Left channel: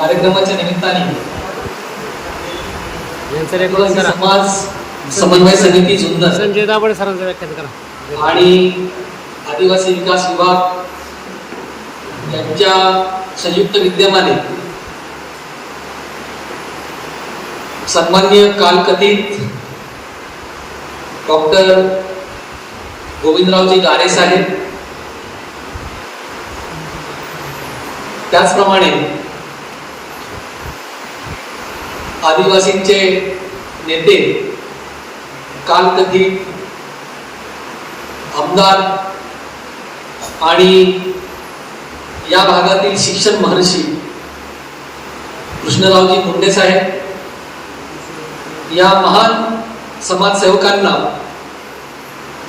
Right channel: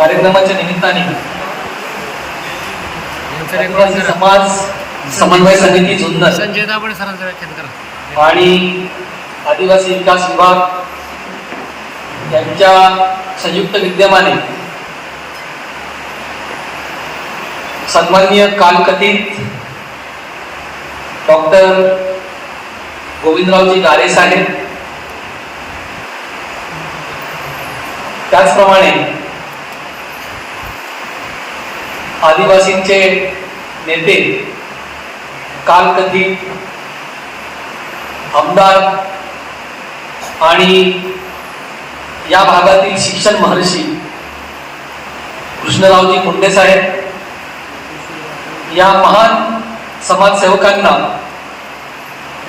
कार्यक्रमाच्या निमित्ताने. समाज समन्वय समिती जुन्नर. संजय दाबडे सरांचं व्याख्यान करा. आणि आदिवासी विकास विभाग यांच्या संयुक्त विद्यमाने सन्माननीय कालकथित डॉक्टर गोविंदरावजी गारे साहेब. त्याचप्रमाणे आदिवासींचे नेते कालकथित आमदार आणि या भागातील शिक्षण महर्षी कृष्णरावजी मुंडे साहेब या महान समाजसेवकांना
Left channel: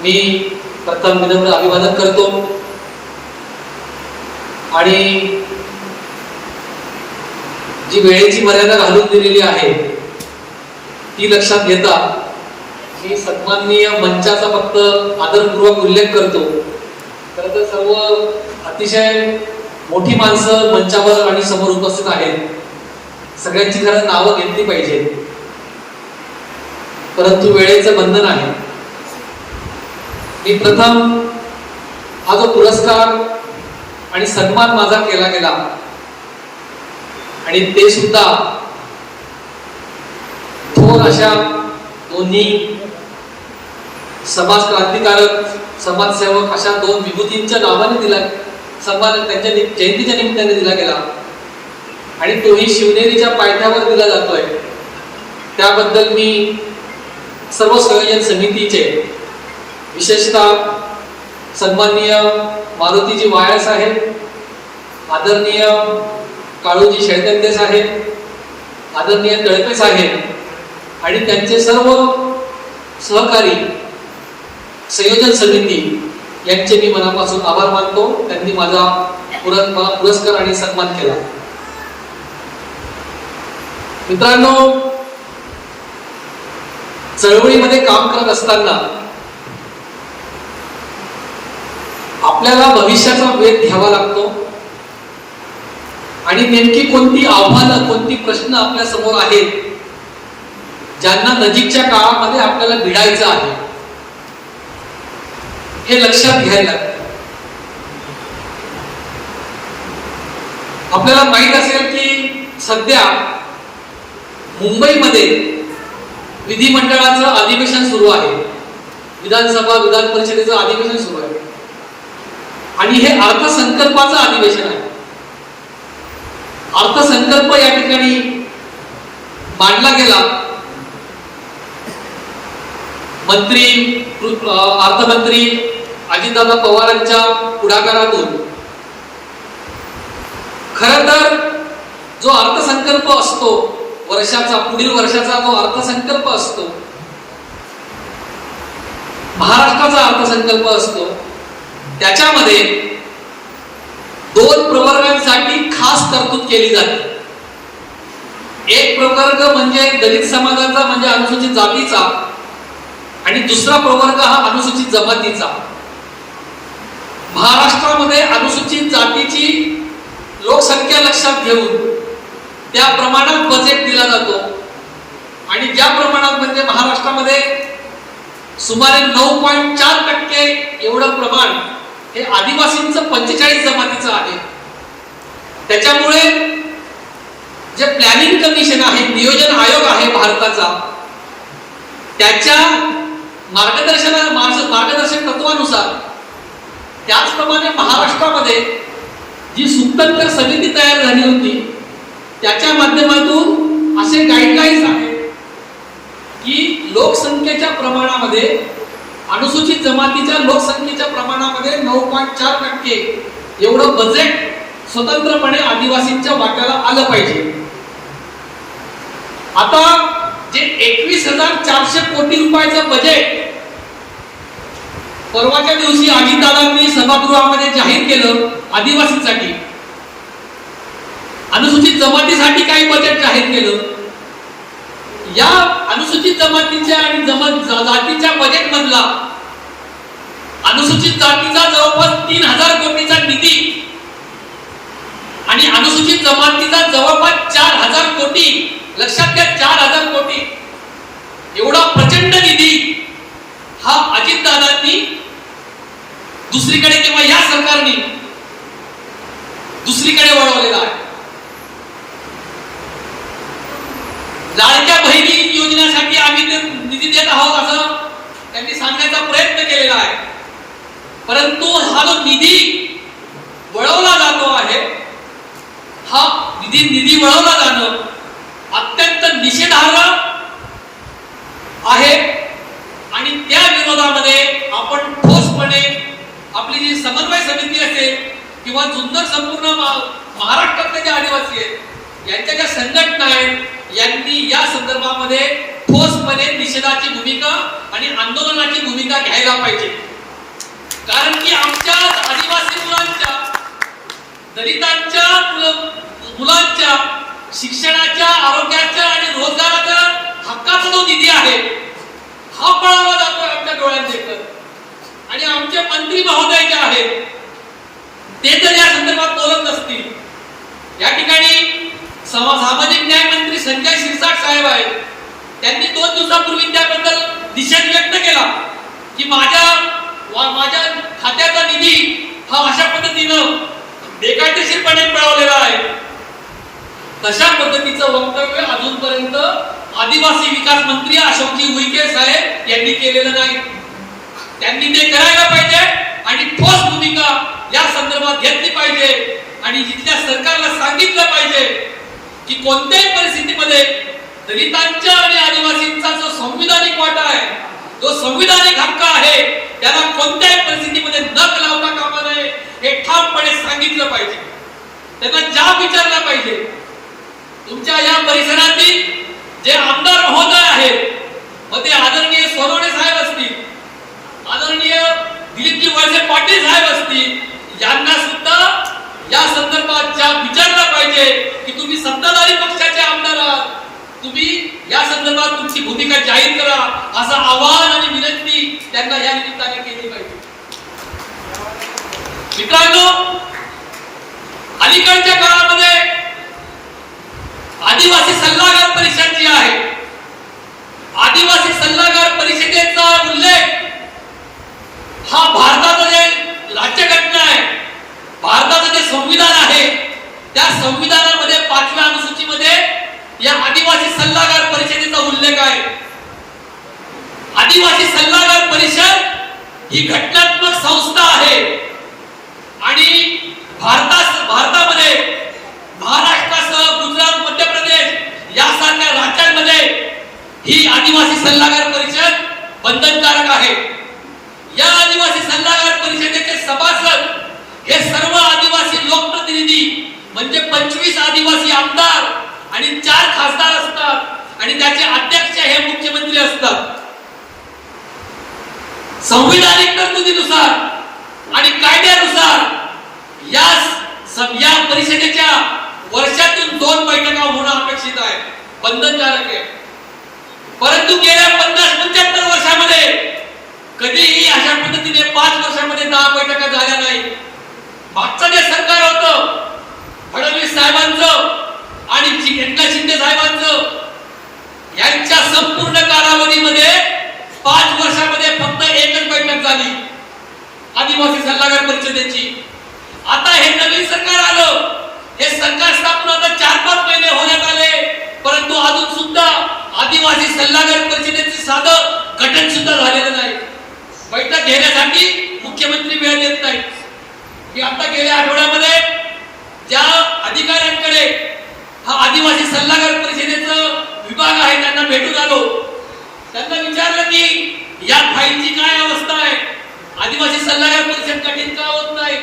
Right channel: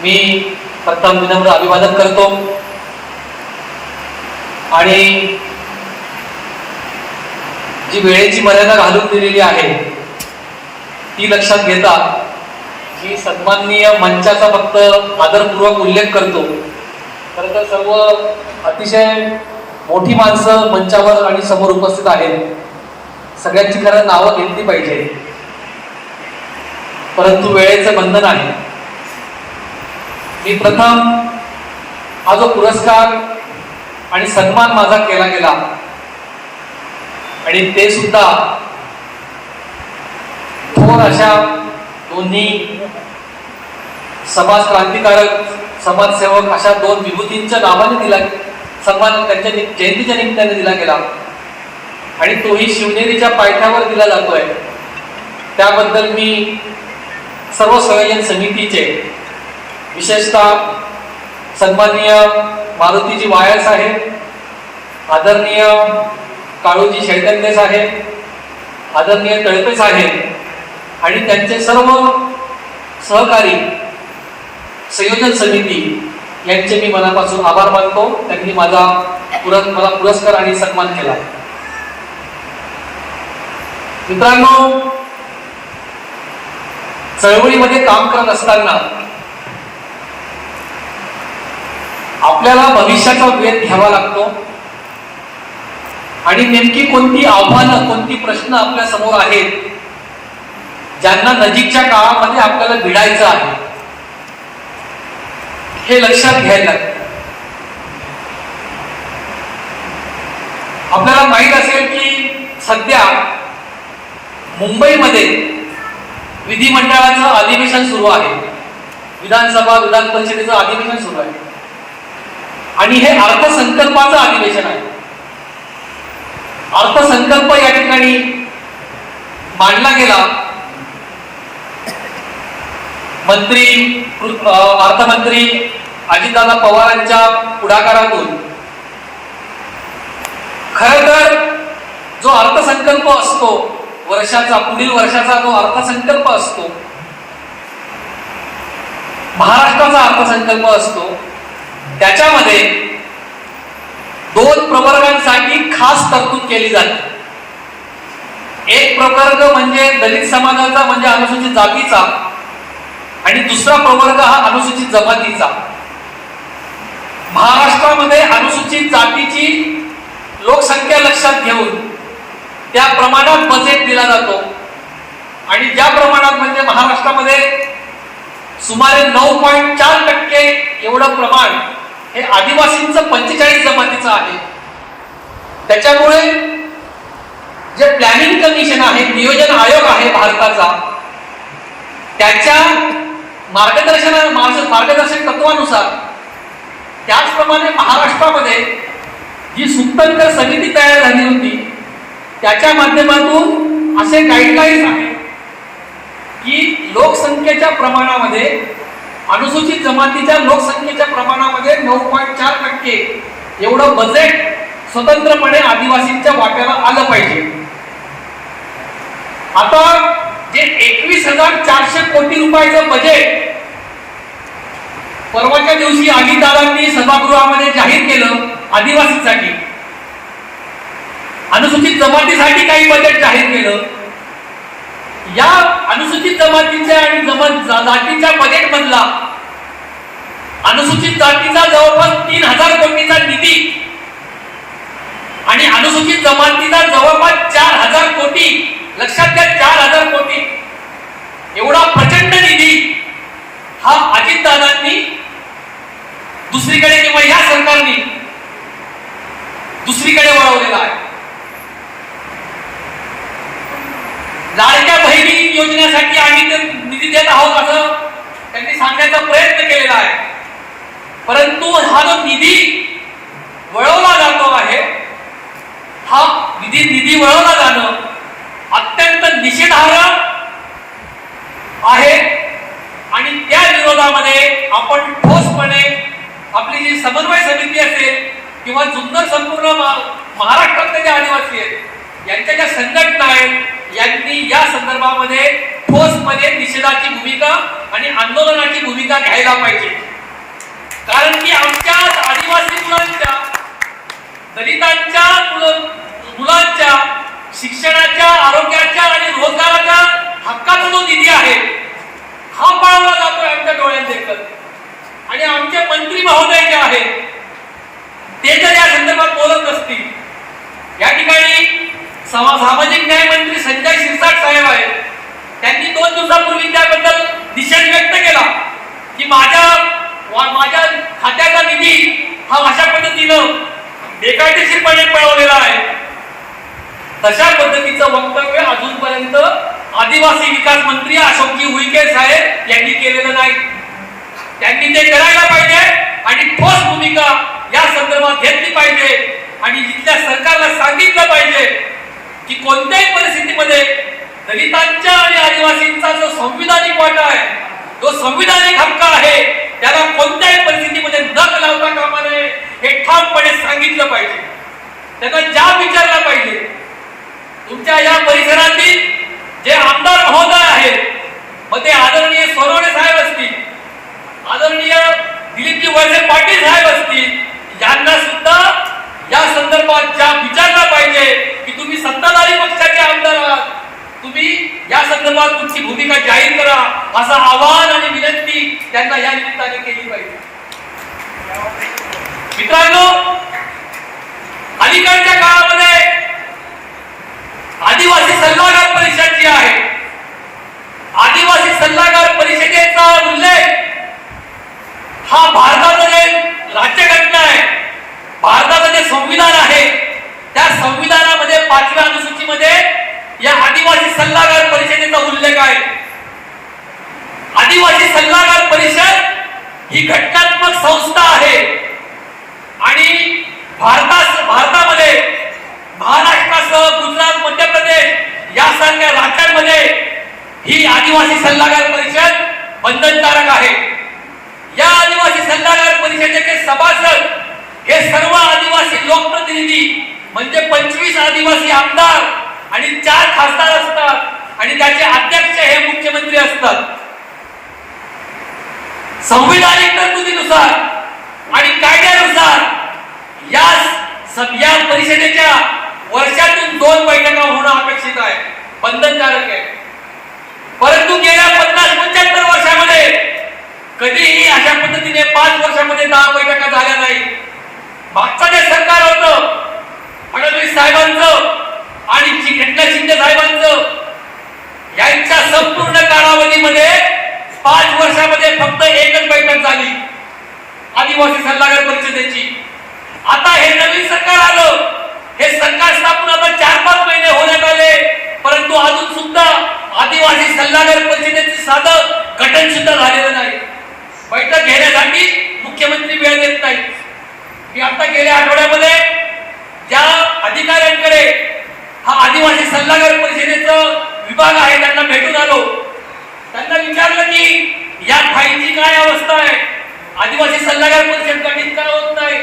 मी प्रथम विनम्र अभिवादन करतो. आणि जी वेळेची मर्यादा घालून दिलेली आहे ती लक्षात घेता मी सन्माननीय मंचाचा फक्त आदरपूर्वक उल्लेख करतो. खरं तर सर्व अतिशय मोठी माणसं मंचावर आणि समोर उपस्थित आहेत. सगळ्यांची खरं नावं घेतली पाहिजे. परंतु वेळेचं बंधन आहे. मी प्रथम हा जो पुरस्कार आणि सन्मान माझा केला गेला आणि ते सुद्धा थोर अशा दोन्ही समाज क्रांतिकारक समाजसेवक अशा दोन विभूतींच्या नावाने दिला सन्मान त्यांच्या नि- जयंतीच्या निमित्ताने दिला गेला. आणि तोही शिवनेरीच्या पायथ्यावर दिला जातोय. त्याबद्दल मी सर्व संयोजन समितीचे विशेषतः सन्माननीय मारुतीजी वायर साहेब आदरणीय काळूजी शैतन्य साहेब आदरणीय तळपे साहेब आणि त्यांचे सर्व सहकारी संयोजन समिती यांचे मी मनापासून आभार मानतो. त्यांनी माझा पुरस् मला पुरस्कार आणि सन्मान केला. मित्रांनो चळवळीमध्ये काम करत असताना आपल्याला भविष्याचा वेध घ्यावा लागतो. आणि नेमकी कोणती आव्हानं कोणती प्रश्न आपल्यासमोर आहेत ज्यांना नजीकच्या काळामध्ये आपल्याला भिडायचं आहे हे लक्षात घ्यायला लागतं. आपल्याला माहीत असेल की सध्या मुंबईमध्ये विधिमंडळाचं अधिवेशन सुरू आहे. विधानसभा विधान परिषदेचं अधिवेशन सुरू आहे. आणि हे अर्थसंकल्पाचं अधिवेशन आहे. अर्थसंकल्प या ठिकाणी मांडला गेला. मंत्री अर्थमंत्री अजितदादा पवारांच्या पुढाकारातून. खर तर जो अर्थसंकल्प असतो वर्षाचा पुढील वर्षाचा जो अर्थसंकल्प असतो महाराष्ट्राचा अर्थसंकल्प असतो त्याच्यामध्ये दोन प्रवर्गांसाठी खास तरतूद केली जाते. एक प्रवर्ग म्हणजे दलित समाजाचा म्हणजे अनुसूचित जातीचा आणि दुसरा प्रवर्ग हा अनुसूचित जमातीचा. महाराष्ट्रामध्ये अनुसूचित जातीची लोकसंख्या लक्षात घेऊन त्या प्रमाणात बजेट दिला जातो. आणि ज्या प्रमाणात म्हणजे महाराष्ट्रामध्ये सुमारे नऊ पॉईंट चार टक्के एवढं प्रमाण हे आदिवासींचं पंचेचाळीस जमातीचं आहे. त्याच्यामुळे जे प्लॅनिंग कमिशन आहे नियोजन आयोग आहे भारताचा त्याच्या मार्गदर्शना मार्गदर्शक तत्वानुसार त्याचप्रमाणे महाराष्ट्रामध्ये जी सुतंत्र समिती तयार झाली होती त्याच्या माध्यमातून असे गाईडलाईन्स आहेत की लोकसंख्येच्या प्रमाणामध्ये अनुसूचित जमातीच्या लोकसंख्येच्या प्रमाणामध्ये नऊ पॉईंट चार टक्के. एवढं बजेट स्वतंत्रपणे आदिवासींच्या वाट्याला आलं पाहिजे. आता जे एकवीस हजार चारशे कोटी रुपयाचं बजेट परवाच्या दिवशी अजितदादांनी सभागृहामध्ये जाहीर केलं आदिवासींसाठी. अनुसूचित जमातीसाठी काही बजेट जाहीर केलं. या अनुसूचित जमातीच्या आणि जमात जातीच्या बजेट मधला अनुसूचित जातीचा जवळपास तीन हजार कोटीचा निधी आणि अनुसूचित जमातीचा जवळपास चार हजार कोटी लक्षात घ्या चार हजार कोटी. एवढा प्रचंड निधी हा अजितदादांनी दुसरीकडे किंवा या सरकारने दुसरीकडे वळवलेला आहे. लाडक्या बहिणी योजनेसाठी आम्ही ते निधी देत आहोत असं त्यांनी सांगण्याचा प्रयत्न केलेला आहे. परंतु हा जो निधी वळवला जातो आहे हा निधी निधी वळवला जाणं अत्यंत निषेधार्ह आहे आणि त्या विरोधामध्ये आपण ठोसपणे आपली जी समन्वय समिती असेल किंवा जुन्नर संपूर्ण महाराष्ट्रातले जे आदिवासी आहेत यांच्या ज्या संघटना आहेत यांनी या संदर्भामध्ये ठोसपणे निषेधाची भूमिका आणि आंदोलनाची भूमिका घ्यायला पाहिजे. कारण की आमच्या आदिवासी मुलांच्या दलितांच्या मुलं- मुलांच्या शिक्षणाच्या आरोग्याच्या आणि रोजगाराच्या हक्काचा जो निधी आहे हा पळवला जातोय आमच्या डोळ्यात आणि आमचे मंत्री महोदय जे आहेत ते जर या संदर्भात बोलत नसतील या ठिकाणी सामाजिक न्याय मंत्री संजय शिरसाट साहेब आहेत. त्यांनी दोन दिवसापूर्वी त्याबद्दल निषेध व्यक्त केला की माझ्या वा- माझ्या खात्याचा निधी हा अशा पद्धतीनं बेकायदेशीरपणे पळवलेला आहे. तशा पद्धतीचं वक्तव्य अजूनपर्यंत आदिवासी विकास मंत्री अशोकजी उईके साहेब यांनी केलेलं नाही. त्यांनी ते करायला पाहिजे आणि ठोस भूमिका या संदर्भात घेतली पाहिजे आणि जिथल्या सरकारला सांगितलं पाहिजे. की कोणत्याही परिस्थितीमध्ये दलितांच्या आणि आदिवासींचा जो संविधानिक वाटा आहे जो संविधानिक हक्क आहे त्याला कोणत्याही परिस्थितीमध्ये नक लावता कामा नये हे ठामपणे सांगितलं पाहिजे. त्यांना ज्या विचारला पाहिजे तुमच्या या परिसरातील जे आमदार महोदय आहेत मग ते आदरणीय सोनवणे साहेब असतील आदरणीय दिलीपजी वळसे पाटील साहेब असतील यांना सुद्धा या संदर्भात ज्या विचारला पाहिजे की तुम्ही सत्ताधारी पक्षाचे आमदार आहात. तुम्ही या संदर्भात तुमची भूमिका जाहीर करा असं आवाहन आणि विनंती त्यांना या निमित्ताने केली पाहिजे. मित्रांनो अलीकडच्या काळामध्ये आदिवासी सल्लागार परिषद जी आहे आदिवासी सल्लागार परिषदेचा उल्लेख हा भारतामध्ये राज्यघटना आहे भारताचं जे संविधान आहे त्या संविधानामध्ये पाचव्या अनुसूचीमध्ये या आदिवासी सल्लागार परिषदेचा उल्लेख आहे. आदिवासी सल्लागार परिषद ही घटनात्मक संस्था आहे. आणि भारता भारतामध्ये महाराष्ट्रासह गुजरात मध्य प्रदेश यासारख्या राज्यांमध्ये ही आदिवासी सल्लागार परिषद बंधनकारक आहे. या आदिवासी सल्लागार परिषदेचे सभासद हे सर्व आदिवासी लोकप्रतिनिधी म्हणजे पंचवीस आदिवासी आमदार आणि चार खासदार असतात आणि त्याचे अध्यक्ष हे मुख्यमंत्री असतात. संविधानिक तरतुदीनुसार आणि कायद्यानुसार या स- या परिषदेच्या वर्षातून दोन बैठका होणं अपेक्षित आहे. बंधनकारक आहे. परंतु गेल्या पन्नास पंच्याहत्तर वर्षामध्ये कधीही अशा पद्धतीने पाच वर्षामध्ये दहा बैठका झाल्या नाही मागचं जे सरकार होतं फडणवीस साहेबांचं आणि एकनाथ शिंदे साहेबांचं यांच्या संपूर्ण कालावधीमध्ये पाच वर्षामध्ये फक्त एकच बैठक झाली. आदिवासी सल्लागार परिषदेची. आता हे नवीन सरकार आलं. हे सरकार स्थापन आता चार पाच महिने होण्यात आले. परंतु अजून सुद्धा आदिवासी सल्लागार परिषदेचे साधं गठन सुद्धा झालेलं नाही. बैठक घेण्यासाठी मुख्यमंत्री वेळ देत नाहीत. मी आता गेल्या आठवड्यामध्ये ज्या अधिकाऱ्यांकडे हा आदिवासी सल्लागार परिषदेचा विभाग आहे त्यांना भेटून आलो. त्यांना विचारलं की या फाईलची काय अवस्था आहे? आदिवासी सल्लागार परिषद गठीत काय होत नाही?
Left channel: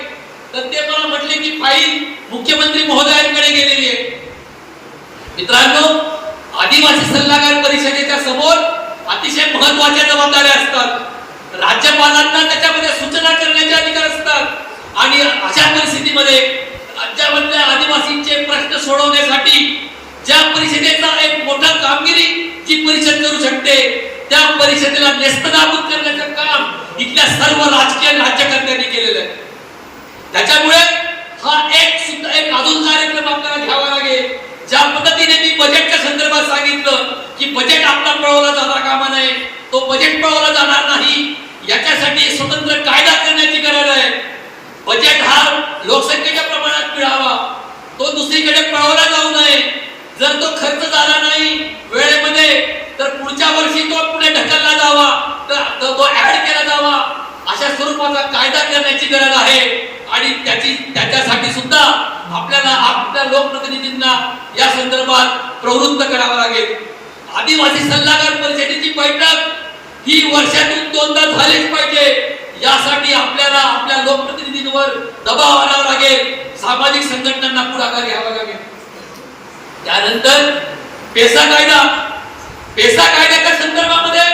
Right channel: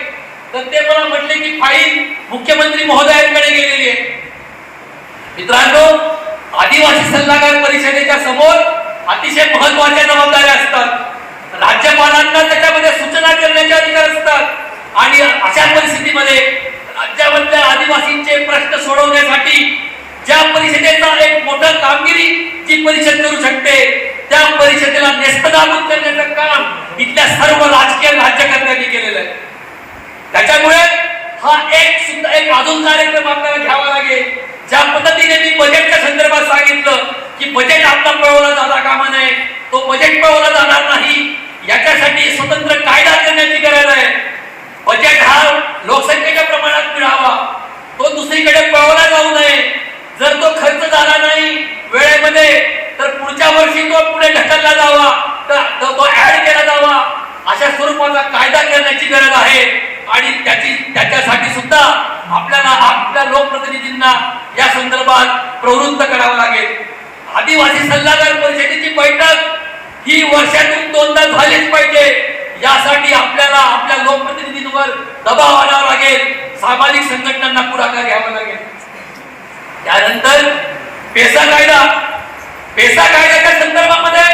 तर ते मला म्हटले की फाईल मुख्यमंत्री महोदयांकडे गेलेली आहे. मित्रांनो आदिवासी सल्लागार परिषदेच्या समोर अतिशय महत्त्वाच्या जबाबदाऱ्या असतात. राज्यपालांना त्याच्यामध्ये सूचना करण्याचे अधिकार असतात. आणि अशा परिस्थितीमध्ये राज्यामधल्या आदिवासींचे प्रश्न सोडवण्यासाठी ज्या परिषदेचा एक मोठा कामगिरी जी परिषद करू शकते त्या परिषदेला नेस्तनाबूत करण्याचं काम इथल्या सर्व राजकीय राज्यकर्त्यांनी केलेलं आहे. त्याच्यामुळे हा एक सुद्धा एक अजून कार्यक्रम आपल्याला घ्यावा लागेल ज्या पद्धतीने मी बजेटच्या संदर्भात सांगितलं की बजेट आपला पळवला जाता कामा नये तो बजेट पळवला जाणार नाही याच्यासाठी स्वतंत्र कायदा करण्याची गरज आहे. बजेट हा लोकसंख्येच्या प्रमाणात मिळावा तो दुसरीकडे पळवला जाऊ नये. जर तो खर्च झाला नाही वेळेमध्ये तर पुढच्या वर्षी तो पुढे ढकलला जावा तर तो तो ऍड केला जावा. अशा स्वरूपाचा कायदा करण्याची गरज आहे. आणि त्याची त्याच्यासाठी सुद्धा आपल्याला आपल्या लोकप्रतिनिधींना या संदर्भात प्रवृत्त करावं लागेल. आदिवासी सल्लागार परिषदेची बैठक ही वर्षातून दोनदा झालीच पाहिजे. यासाठी आपल्याला आपल्या लोकप्रतिनिधींवर दबाव आणावा लागेल. सामाजिक संघटनांना पुढाकार घ्यावा लागेल. त्यानंतर पेसा कायदा. पेसा कायद्याच्या संदर्भामध्ये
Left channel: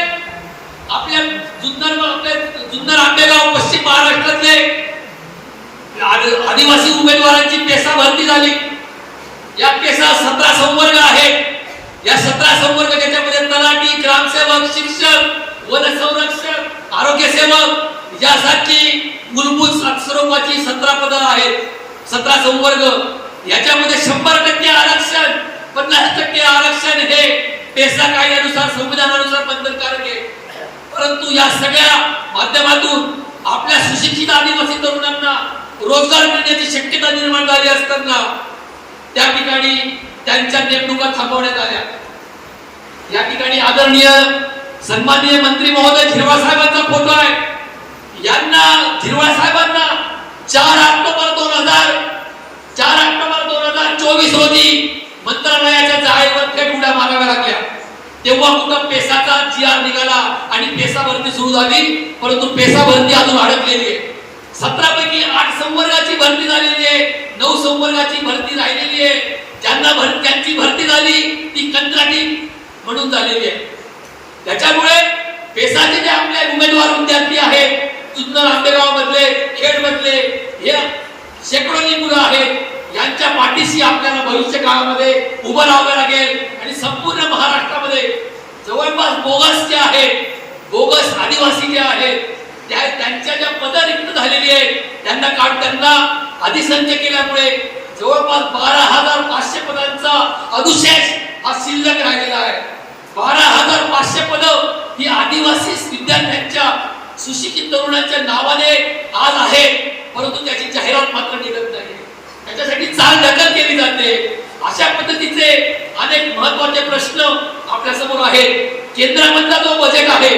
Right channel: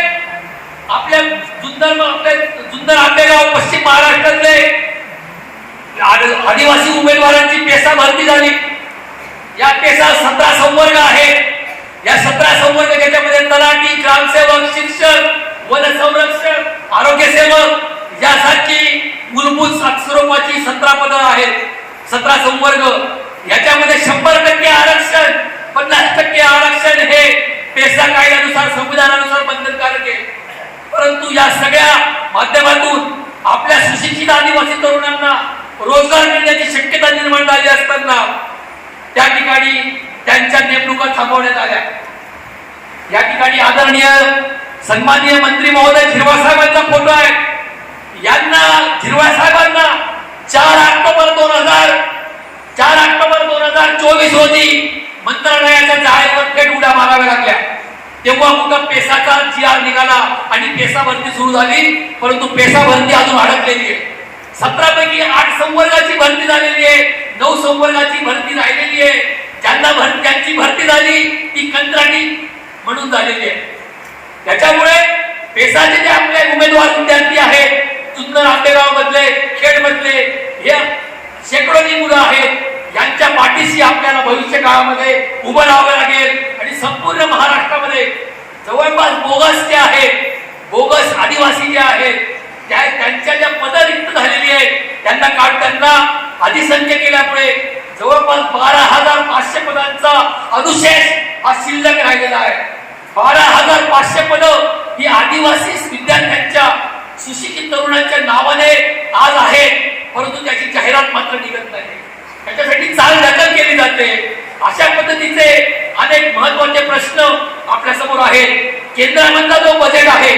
आपल्या जुन्नर आपल्या जुन्नर आंबेगाव पश्चिम महाराष्ट्रातले आदिवासी उमेदवारांची पेसा भरती झाली. या पेसा सतरा संवर्ग आहेत. या सतरा संवर्ग ज्याच्यामध्ये तलाठी ग्रामसेवक शिक्षक वन संरक्षक आरोग्य सेवक यासारखी मूलभूत स्वरूपाची सतरा पद आहेत. सतरा संवर्ग. याच्यामध्ये शंभर टक्के आरक्षण पन्नास टक्के आरक्षण हे पेसा कायद्यानुसार संविधानानुसार बंधनकारक आहे. परंतु या सगळ्या माध्यमातून आपल्या सुशिक्षित आदिवासी तरुणांना रोजगार मिळण्याची शक्यता निर्माण झाली असताना त्या ठिकाणी त्यांच्या नेमणुका थांबवण्यात आल्या. या ठिकाणी आदरणीय सन्माननीय मंत्री महोदय शिरवासाहेबांचा फोटो आहे. यांना झिरवाळ साहेबांना चार ऑक्टोबर दोन हजार चार ऑक्टोबर दोन हजार चोवीस रोजी मंत्रालयाच्या जाळेवर थेट उड्या माराव्या लागल्या. तेव्हा कुठं पेसाचा जी आर निघाला आणि पेसा भरती सुरू झाली परंतु पेसा भरती अजून अडकलेली आहे. सतरा पैकी आठ संवर्गाची भरती झालेली आहे नऊ संवर्गाची भरती राहिलेली आहे. ज्यांना भर त्यांची भरती झाली ती कंत्राटी म्हणून झालेली आहे. त्याच्यामुळे पेसाचे जे आपले उमेदवार विद्यार्थी आहेत जुन्नर आंबेगाव मधले खेड मधले हे शेकडोनी मुलं आहेत. यांच्या पाठीशी आपल्याला भविष्य काळामध्ये उभं राहावं लागेल. आणि संपूर्ण महाराष्ट्रामध्ये जवळपास बोगस जे आहेत बोगस आदिवासी जे आहेत त्या त्यांच्या ज्या पद रिक्त झालेली आहेत त्यांना काढ त्यांना अधिसंख्य केल्यामुळे जवळपास बारा हजार पाचशे पदांचा अनुशेष हा शिल्लक राहिलेला आहे. बारा हजार पाचशे पद ही आदिवासी विद्यार्थ्यांच्या सुशिक्षित तरुणांच्या नावाने आज आहे परंतु त्याची जाहिरात मात्र निघत नाही. त्याच्यासाठी चाल ढकल केली जाते. अशा पद्धतीचे अनेक महत्त्वाचे प्रश्न आपल्यासमोर आहेत. केंद्रामधला जो बजेट आहे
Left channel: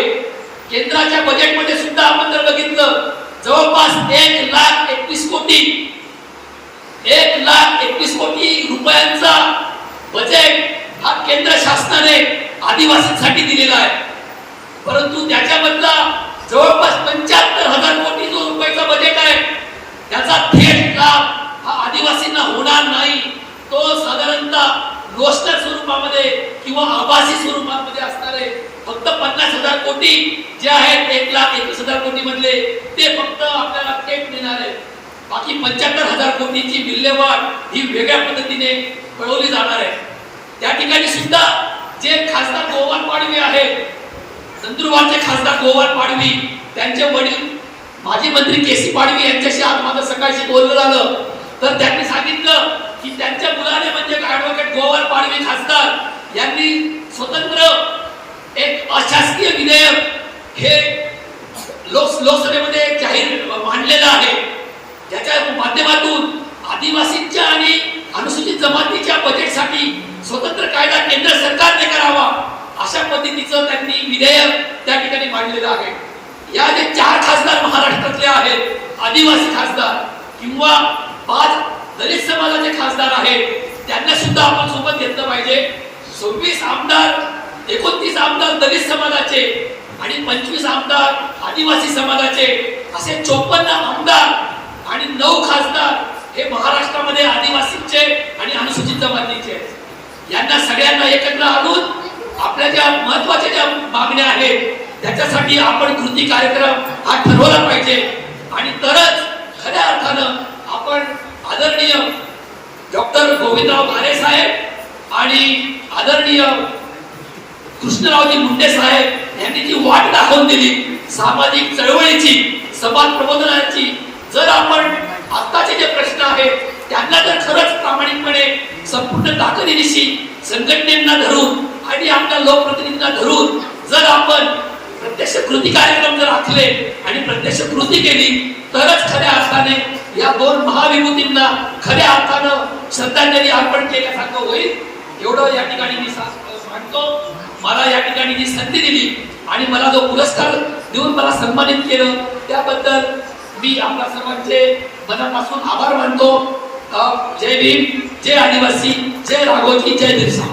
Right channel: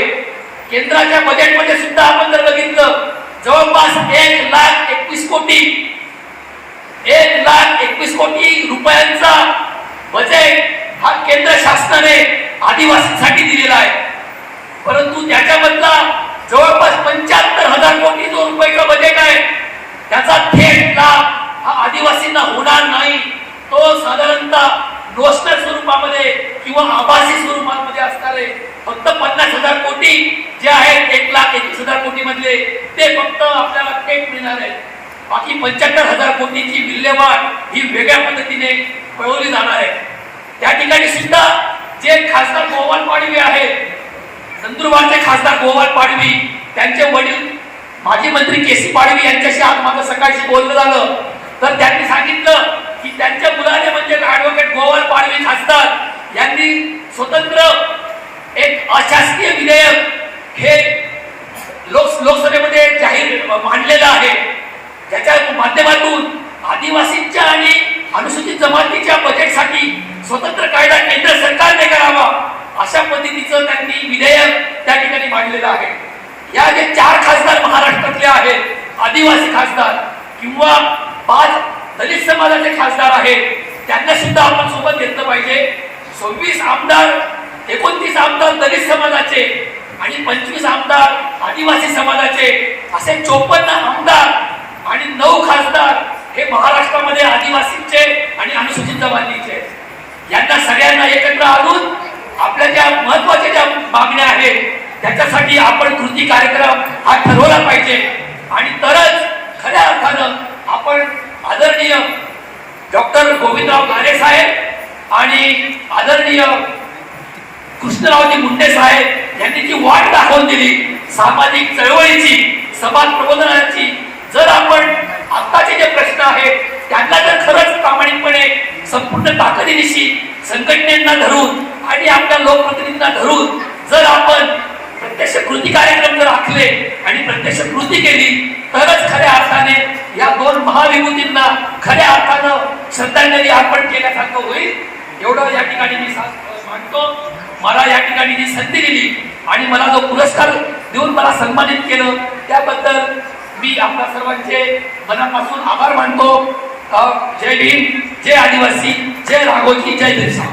केंद्राच्या बजेटमध्ये सुद्धा आपण जर बघितलं जवळपास एक लाख एकवीस कोटी एक लाख एकवीस कोटी रुपयांचा बजेट हा केंद्र शासनाने आदिवासींसाठी दिलेला आहे. परंतु त्याच्यामधला जवळपास पंच्याहत्तर हजार कोटी जो रुपयाचा बजेट आहे. त्याचा थेट लाभ हा आदिवासींना होणार नाही. तो साधारणतः रोस्टर स्वरूपामध्ये किंवा आभासी स्वरूपामध्ये असणारे फक्त पन्नास हजार कोटी जे आहेत एक लाख एकवीस हजार कोटी मधले ते फक्त आपल्याला थेट मिळणार आहे बाकी पंच्याहत्तर हजार कोटीची विल्हेवाट ही वेगळ्या पद्धतीने पळवली जाणार आहे. त्या ठिकाणी सुद्धा जे खासदार गोवन पाडवी आहेत नंदुरबारचे खासदार गोवाल पाडवी त्यांचे वडील माजी मंत्री के सी पाडवी यांच्याशी आज माझं सकाळशी बोललं झालं. तर त्यांनी सांगितलं की त्यांच्या मुलाने म्हणजे ऍडव्होकेट गोवाल पाडवी खासदार यांनी स्वतंत्र एक अशासकीय विधेयक हे लोक लोकसभेमध्ये जाहीर मांडलेलं आहे. याच्या माध्यमातून आदिवासींच्या आणि अनुसूचित जमातीच्या बजेटसाठी स्वतंत्र कायदा केंद्र सरकारने करावा. अशा पद्धतीचं त्यांनी विधेयक त्या ठिकाणी मांडलेलं आहे. या जे चार खासदार महाराष्ट्रातले आहेत आदिवासी खासदार किंवा पाच दलित समाजाचे खासदार आहेत त्यांना सुद्धा आपण सोबत घेतलं पाहिजे. सव्वीस आमदार एकोणतीस आमदार दलित समाजाचे आणि पंचवीस आमदार आदिवासी समाजाचे असे चोपन्न आमदार आणि नऊ खासदार हे महाराष्ट्रामध्ये आदिवासींचे आणि अनुसूचित जमातीचे यांना सगळ्यांना एकत्र आणून आपल्या ज्या महत्त्वाच्या ज्या मागण्या आहेत त्याच्यासाठी आपण कृती कार्यक्रम हा ठरवला पाहिजे. आणि तरच खऱ्या अर्थानं आपण आदरणीय डॉक्टर गोविंदराव गारे साहेब आणि आदरणीय कृष्णरावजी मुंडे साहेब यांनी जी वाट दाखवून दिली सामाजिक चळवळीची समाज प्रबोधनाची जर आपण आत्ताचे जे प्रश्न आहेत त्यांना जर खरंच प्रामाणिकपणे संपूर्ण ताकदीनिशी संघटनेना धरून आणि आपल्या लोकप्रतिनिधींना धरून जर आपण प्रत्यक्ष कृती कार्यक्रम जर आखले आणि प्रत्यक्ष कृती केली तरच खऱ्या अर्थाने या दोन महाविभूतींना खऱ्या अर्थानं श्रद्धांजली अर्पण केल्यासारखं होईल. एवढं या ठिकाणी मी मानतो. मला या ठिकाणी जी संधी दिली आणि मला जो पुरस्कार देऊन मला सन्मानित केलं त्याबद्दल मी आपल्या सर्वांचे मनापासून आभार मानतो. जय भीम जय आदिवासी जय राघोजी जय बिरसा.